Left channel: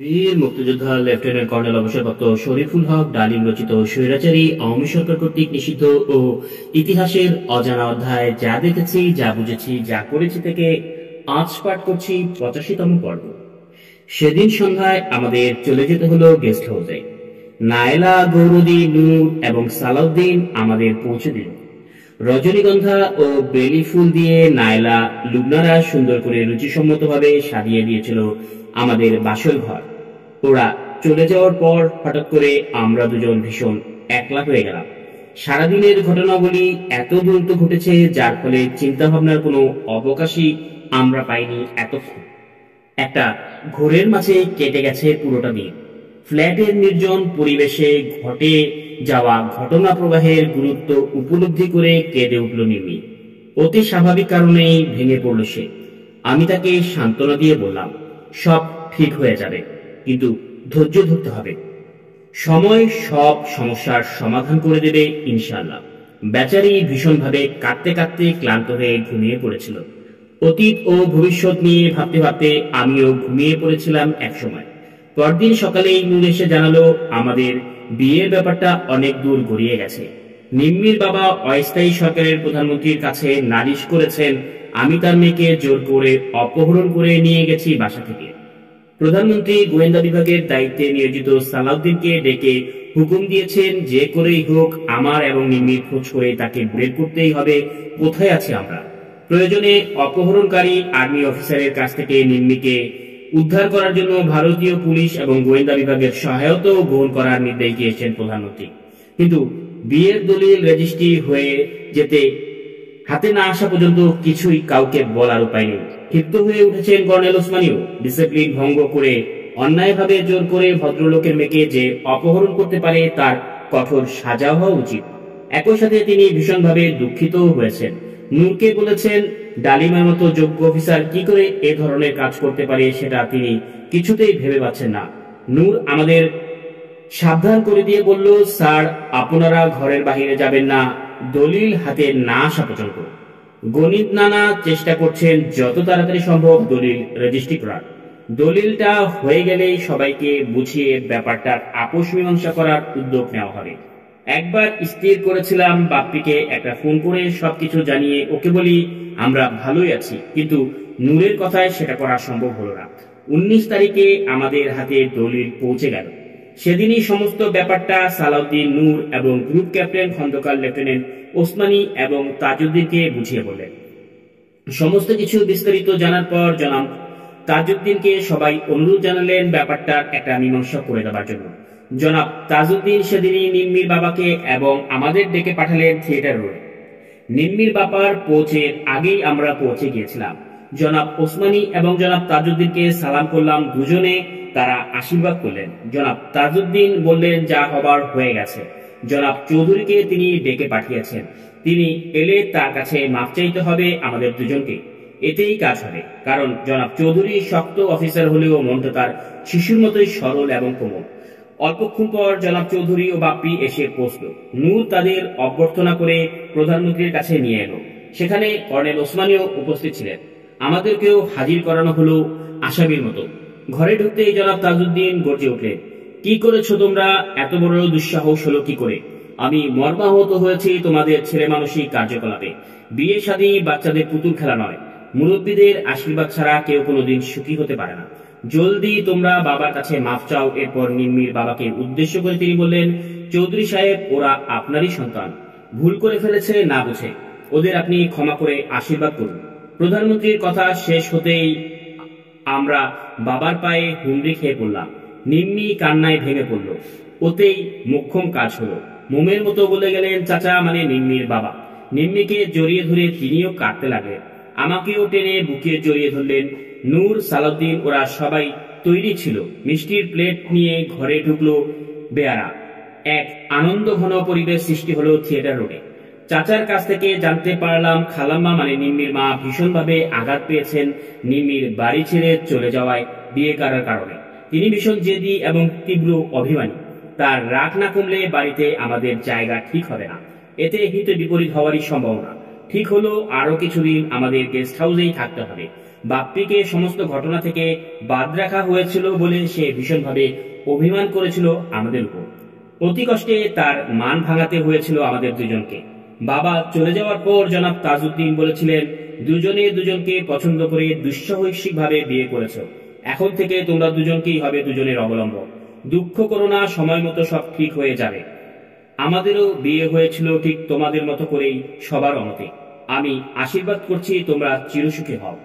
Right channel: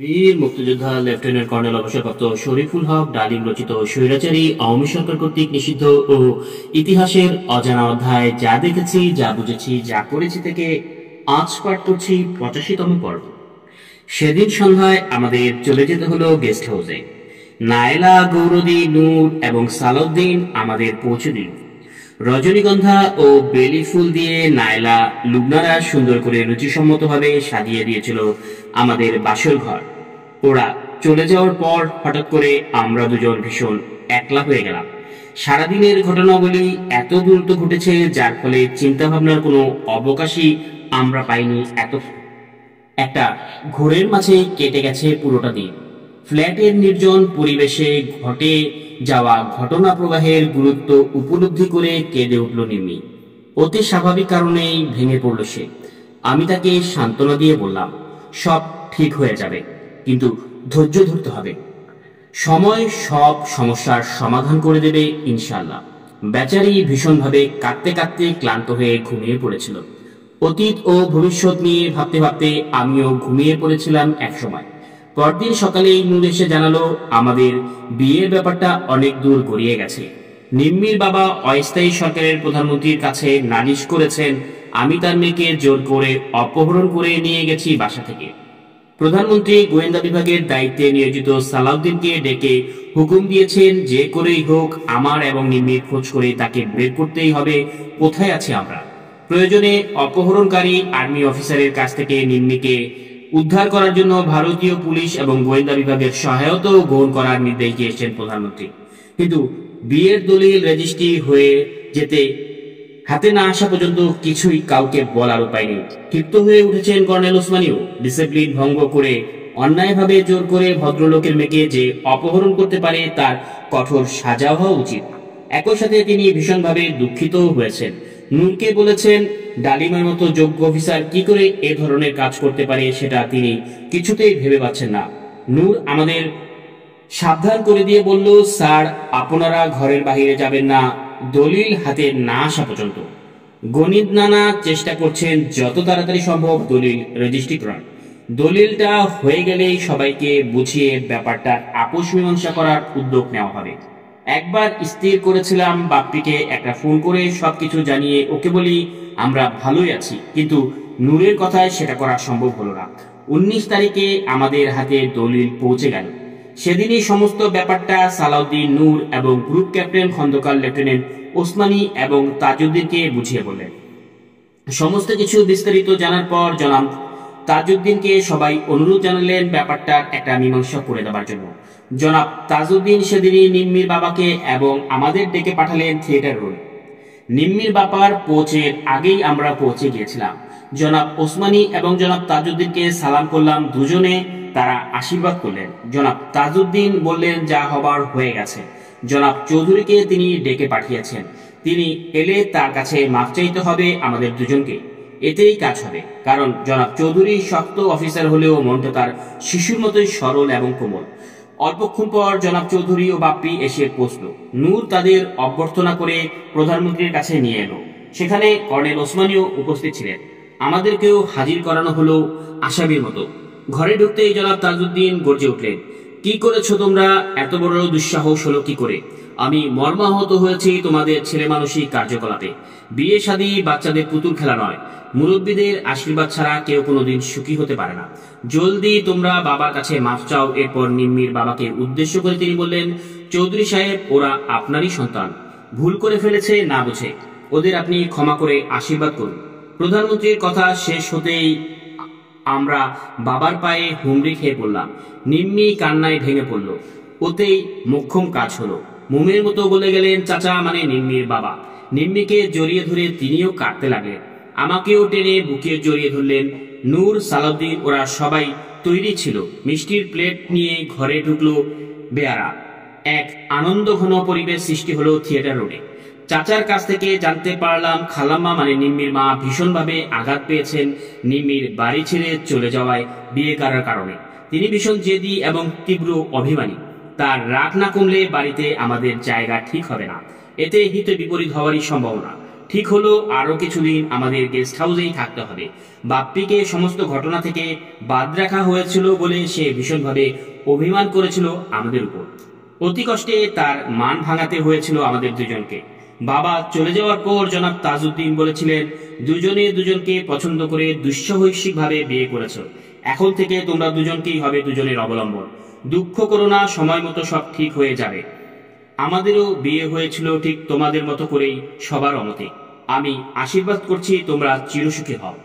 বীর মুক্তিযোদ্ধা lieutenant colonel অবসরপ্রাপ্ত শরীফুল হক ডালিম রচিত স্বৈরাচারী আওয়ামী সরকার কর্তৃক নিষিদ্ধ ও ইতিহাসের অজানা অধ্যায় যা দেখেছি, যা বুঝেছি, যা করেছি থেকে আজ পাঠ করছি 85তম পর্ব। সেদিন সন্ধ্যায় আমাদের চলে যেতে হলো গেস্ট হাউসে। নায়লা, গৌরদী, নূর এবং সালাউদ্দিন আমাদের পৌঁছে দিল। রজনীগন্ধা ও বেলি ফুল দিয়ে নায়লা, লুবনারা সুন্দর করে রুচিসম্মতভাবে সাজিয়ে দিয়েছিল আমাদের বাসর ঘর। ওরা চলে যাওয়ার পর হঠাৎ করে আমরা দুজন ভীষণ একলা হয়ে গেলাম। সারাদিনের ঘটনাবলী এত দ্রুত ঘটেছে যার ফলে চিন্তাভাবনার কোনো অবকাশই আমরা পাইনি। একটা ঘোরের মাঝে কেটে গেছে পুরোটা দিন। ফ্ল্যাটের নির্জন পরিবেশে ঘটে যাওয়া ঘটনা প্রবাহের গুরুত্ব উপলব্ধি করে কেঁদে উঠল নিম্মি। অতি স্বাভাবিক কারণেই ভেঙে পড়ল সে। আমি তাকে সান্ত্বনা দিয়ে বললাম, সব ঠিক হয়ে যাবে, কিন্তু ধৈর্য ধরতে হবে। সময় সব সমস্যার সমাধান করে দেবে ইনশাআল্লাহ। বেচারি ভীষণভাবে কাঁদতে কাঁদতে ক্লান্ত হয়ে ঘুমিয়ে পড়েছিল। অতীত ও ভবিষ্যৎ নিয়ে ভাবতে ভাবতে আমিও ঘুমিয়ে পড়েছিলাম একসময়। পরদিন সকালেই নূর এসে জানালো আমাদের বিয়ের ব্যাপারটা অনেক দূর গড়িয়ে গেছে। নিম্মির বাবা অস্থায়ী সরকারের প্রধানমন্ত্রীর কাছে নালিশ করেছেন আমি তার মেয়েকে জোর করে অপহরণ করে নিয়ে গেছি বাসা থেকে। প্রধানমন্ত্রী গোয়েন্দা বিভাগের দায়িত্বে নিয়োজিত সালাউদ্দিনকে ডেকে হুকুম দিয়েছেন যে করেই হোক আমার এবং নিম্মির খোঁজ করে তাকে বের করতেই হবে কোথায় আছে আমরা। প্রয়োজনে অপহরণকারী আর্মি অফিসারের কাছ থেকে নিম্মিকে উদ্ধার করার জন্য ভারতীয় পুলিশ এবং গোয়েন্দা বিভাগের সহায়তাও গ্রহণ করার নির্দেশ দিয়েছেন প্রধানমন্ত্রী। কিন্তু বিয়ের দলিল রেজিস্ট্রি হয়ে যেতে হাতে না আসা পর্যন্ত কিছুই কাউকে বলার উপায় নেই। ক্ষিপ্ত হয়ে উঠেছেন কর্নেল ওসমানীও। ডিসিপ্লিন ভঙ্গ করে অন্যায়ভাবে জোর করে ভদ্রলোকের মেয়েকে যে অপহরণ করতে পারে তার কঠোর সাজা হওয়া উচিত। একই সাথে তিনি ভীষণভাবে দুঃখিত হয়েছেন। নূরকে বলেছেন ডালিমের মতো যোগ্য অফিসার কি করে এ ধরনের কাজ করতে পারে সেটা তিনি কিছুতেই ভেবে পাচ্ছেন না। নূর আমাদের সাবধান করে দিয়ে বলল, স্যার আপনারা ঘরের বাহিরে যাবেন না দলিল হাতে না আসা পর্যন্ত। গণিত নানা চেষ্টা করছেন যত তাড়াতাড়ি সম্ভব দলিল রেজিস্ট্রি করার। দলিলটা হয়ে গেলেই সবাইকে বুঝিয়ে ব্যাপারটার আপোষ মীমাংসা করার উদ্যোগ নেওয়া হবে। একবার স্থির করেছিলাম বাপ্পিকে একটা ফোন করে সবকিছু জানিয়ে ওকে বলি আমরা ভালোই আছি, কিন্তু নূরের কথায় সেটা করা সম্ভব হলো না। 19 তারিখে আমাদের হাতে দলিল পৌঁছে গেল। সেদিনই সমস্ত ব্যাপারটা সালাউদ্দিন, নূর এবং group captain Khandaker lieutenant Osmani এবং তাজউদ্দিনকে বুঝিয়ে বললেন। সমস্ত কিছু বিস্তারিত জানার পর জনাব তাজউদ্দিনকে সবাই অনুরোধ জানালেন ব্যাপারটার একটা মীমাংসা করে দেওয়ার জন্য। জনাব তাজউদ্দিন সেদিনই নিম্মির বাবাকে এবং আমাদের ডেকে পাঠালেন থিয়েটার রোডে। নিম্মির বাবার পৌঁছের আগেই আমরা পৌঁছে গিয়েছিলাম। জনাব ওসমানী এবং জনাব তাজউদ্দিনকে সালাম করলাম। দুজনে তারা আশীর্বাদ করলেন। জনাব তাজউদ্দিন বললেন যা হবার হয়ে গেছে। জনাব চৌধুরীকে তিনি ডেকে পাঠিয়েছেন। তিনি এলে তার কাছে মাপ চাইতে হবে আমাদের দুজনকে। এতেই কাজ হবে, কারণ জনাব চৌধুরী শক্ত অফিসার হলেও মনটা তার শিশুর মতোই সরল এবং কোমল। অল্পক্ষণ পর জনাব চৌধুরী ও বাপ্পি এসে পৌঁছল। নূর তাদের অভ্যর্থনা করে প্রধানমন্ত্রীর কাছে নিয়ে এলো। সেখানে কর্নেল ওসমানীও উপস্থিত ছিলেন। আমাদেরকেও হাজির করানো হলো আসামির মতো। ঘরে ঢুকতেই জনাব তাজউদ্দিন গর্জে উঠলেন, কি করেছো তোমরা? এত বড় দুঃসাহস হলো কি করে? আমি মর্মাহত হয়েছি তোমাদের ছেলে মানসিক কার্যকলাপে। বিয়ে শাদী বাচ্চাদের পুতুল খেলা নয়। মুরব্বীদের আশীর্বাদ ছাড়া কেউ কোনোদিন সুখী হতে পারে না। জলদি তোমরা বাবার কাছে মাফ চাও। এরপর নিম্মির বাবাকে উদ্দেশ্য করে তিনি বললেন, চৌধুরী সাহেব, ওরা আপনারই সন্তান, ভুল করে ফেলেছে না বুঝে। ওদের আপনি ক্ষমা করে আশীর্বাদ করুন। প্রধানমন্ত্রীর কথা শেষ হতেই আমরা বাবার পায়ে হুমড়ি খেয়ে পড়লাম। নিম্মি কান্নায় ভেঙে পড়ল। ওতেই মোক্ষম কাজ হলো। মোমের মতো বলে গেলেন চাচা, মানে নিম্মির বাবা। নিম্মিকে জড়িয়ে ধরে তিনিও কাঁদতে লাগলেন। আমাকেও টেনে বুকে জড়িয়ে ধরলেন। নূর, সালাউদ্দিন ওরা সবাই তৈরি ছিল। মিষ্টির প্লেট নিয়ে ঘরে ঢুকলো বেয়ারা। এক আনন্দ ঘন পরিবেশ সৃষ্টি হলো থিয়েটার রোডে। চাচার কাছ থেকে জানতে পারলাম খালাম্মা মানে নিম্মির মা ভীষণভাবে আঘাত পেয়েছেন নিম্মির বাড়ি ছেড়ে চলে যাওয়ায় বিয়ে করার কারণে। তিনি ভীষণ জেদি এবং তীব্র অভিমানী। তার রাগ না কমলে বাড়িতে আমাদের জায়গা ঠিক হবে না। এতে হিতে বিপরীত হওয়ারই সম্ভাবনা। ঠিক হলো আরো কিছুদিন আমাদের গেস্ট হাউসেই থাকতে হবে। বাপ্পিকে সমস্ত ঘটনা থেকে বাদ রাখা হয়েছিল বলে সে ভীষণভাবে অভিমান করেছিল আমাদের উপর। অতি কষ্টে তার মান ভাঙাতে হয়েছিল আমাদের দুজনকে। বাবা চলে যাওয়ার পর জনাব তাজউদ্দিন বলেছিলেন, দুজনে দুজনকে পছন্দ করে দুঃসাহসিকভাবে বিয়ে করেছ, এখন থেকে তোমরা দুজনকেই হবে দুজনের অবলম্বন। দুঃখ করো না, সময় মতো সব ঠিক হয়ে যাবে। আমাদেরও বিয়ে হয়েছিল ঠিক তোমাদের মতো করেই, সবার অমতে। আমি আশীর্বাদ করছি তোমরা চিরসুখী হও।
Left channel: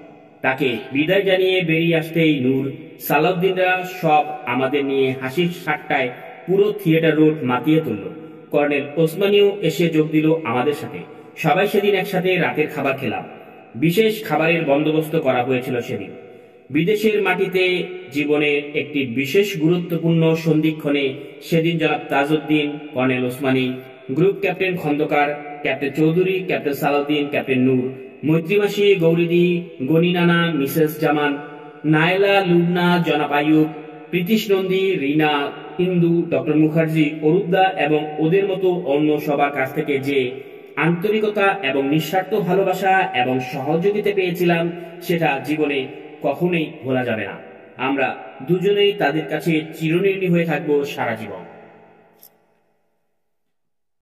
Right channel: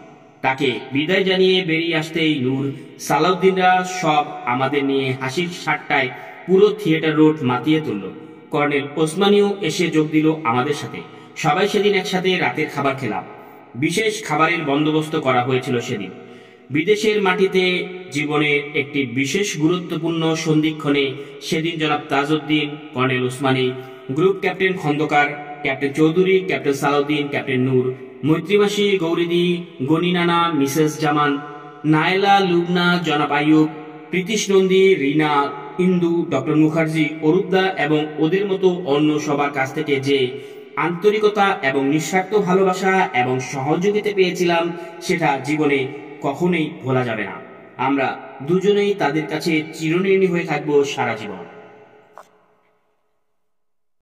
তাকে বিদায় জানিয়ে বেরিয়ে আসতেই নূর, সালাউদ্দিনরা সব আমাদের নিয়ে হাসির ঠাট্টায় পুরো থিয়েটার রোড মাতিয়ে তুলল। কর্নেল ওসমানীও এসে যোগ দিল আমাদের সাথে। সবাই সেদিন একসাথে রাতের খাবার খেলাম। বিশেষ খাবারের বন্দোবস্ত করা হয়েছিল সেদিন। বিদেশের মাটিতে জীবনের একটি বিশেষ গুরুত্বপূর্ণ সন্ধিক্ষণে সেদিন জনাব Tajuddin, colonel Osmani, group captain Khandakar, captain Chowdhury, captain Salahuddin, captain Noor, মৈত্রীমাসি, গৌরীদি, গনি নানা, মিসেস জামান, নায়লা, লুবনা, জনাব আয়ুব, প্রীতিশ নন্দী, রিনা, ইন্দু, ডক্টর মুখার্জি, অরূপদা এবং ওদের মতো অন্য সবার কাছ থেকে যে আন্তরিকতা এবং নিঃস্বার্থ ভালোবাসা এবং সহযোগিতা পেয়েছিলাম, সেটা জীবনে কখনোই ভোলা যাবে না। আমরা দুজনেই তাদের কাছে চিরঋণী হয়ে থাকবো সারা জীবন।